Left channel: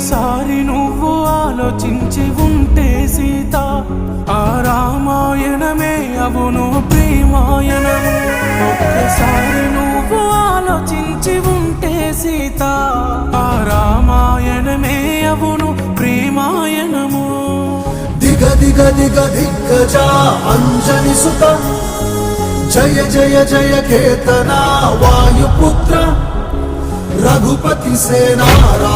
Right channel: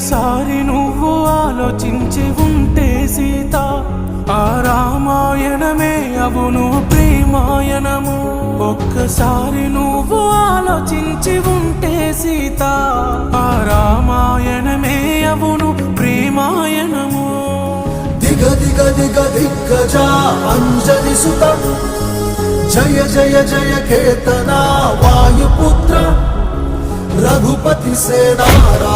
ఒక్కసారి నువ్వు ఆలోచించి ఉంటే సీత, ఆ రామాయణమే అవును ప్రేమాయణము. ఒక్కసారి నువ్వు ఆలోచించి ఉంటే సీత, ఆ రామాయణమే అవును ప్రేమాయణము. దిగ దిగ దిగ దిగ్గజ అంజని సుత, జయ జయ జయ కేతన వాయుపుత్ర, రఘుపతి సేనారా